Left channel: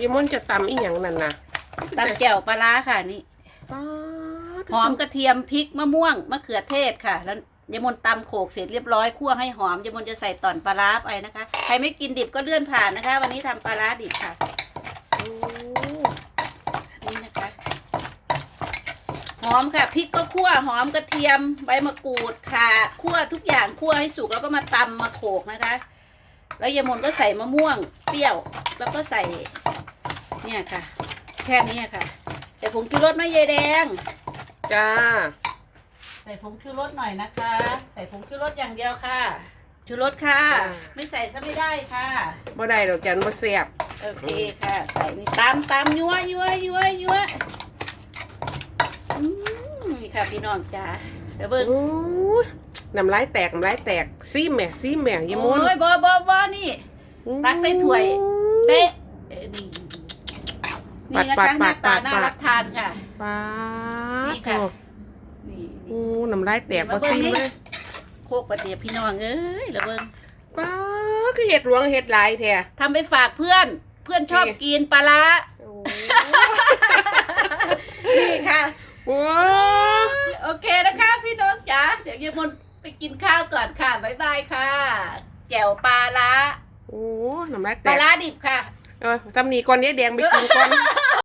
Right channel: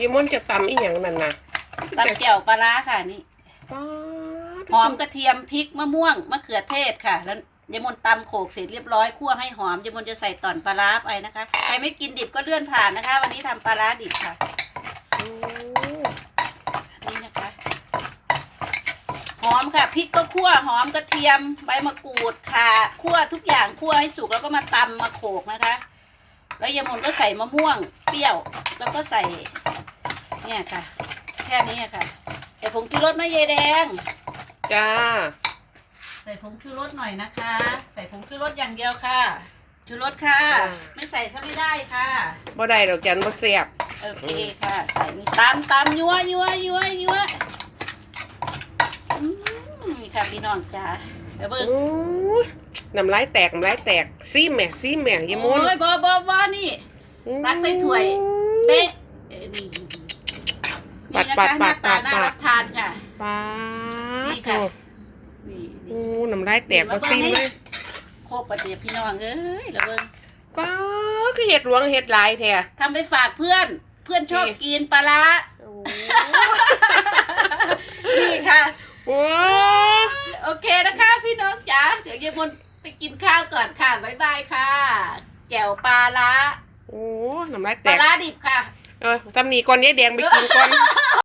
ยายมนจะตำอีหยังนั่นน่ะตำแจ่วปลาร้าค่ะนี่ป๊าดหอมกระเทียมพริกมะม่วงมะเขือเทศค่ะ แล้วยายมนตำโขลกเสร็จเรียบร้อยคั่วให้หอมยายมนจะใส่ตอนปลาร้าไปนะคะ ใครไม่กินดิบก็เลื่อนผ่านนะคะ วันนี้ทำปลาร้าดิบค่ะโอ้นี่นะคะหอมค่ะพริกก็คั่วหอมกระเทียมใบมะกรูดค่ะคั่วทุกอย่างคั่วให้สุกแล้วก็มาตำมาโขลกนะคะ แล้วยายมนก็ใส่มะม่วงเปรี้ยว แล้วก็ใส่ เนี่ยค่ะ แค่นี้ค่ะ แต่ผงชูรสไหม่ยายแดง จ้า ใส่ผงชูรสหน่อยนะคะ ใส่ผงชูรสอย่างเดียวค่ะ ชูรสค่ะไม่ใส่ซะไม่ได้ค่ะ บ่ได้ดอกจันบ่แซ่บโอเคค่ะ ใส่นี่ตามตามยัวยัวยัวยัวอืมนี่ค่ะพี่น้องจ้าเดี๋ยวเบิ้งโอ้ยน้ำลายแตกน้ำลายแตกซีแหม่ซีแหม่ยายมนโอ้ยบอบอบอนี่ ตักใส่ถ้วย เป๊ะเอ้ยนี่ นี่นะคะหน้าตาน่ารับทานค่ะป๊าดนี่ค่ะโอ้นี่โอ้น้ำลายแตกบ่ซีมเลย โคกกระเทียมพี่น้องเอ้ยแล้วเบิ้งป๊าดคือเห็ดหลวงเห็ดหลายแท้ทำไปฝากเพื่อน เพื่อนชอบนี่กินปลาร้าโอ้นี่ค่ะโอ้โอเคนะคะพี่น้องจ๋าเดี๋ยวยายมนไปกินข้าวก่อนค่ะบ๊ายบายค่ะ แจ่วปลาร้าโอ้น้ำลายปแตลากร้าดิบค่ะ เออตำหนีก่อนยายแดงไปกินก่อน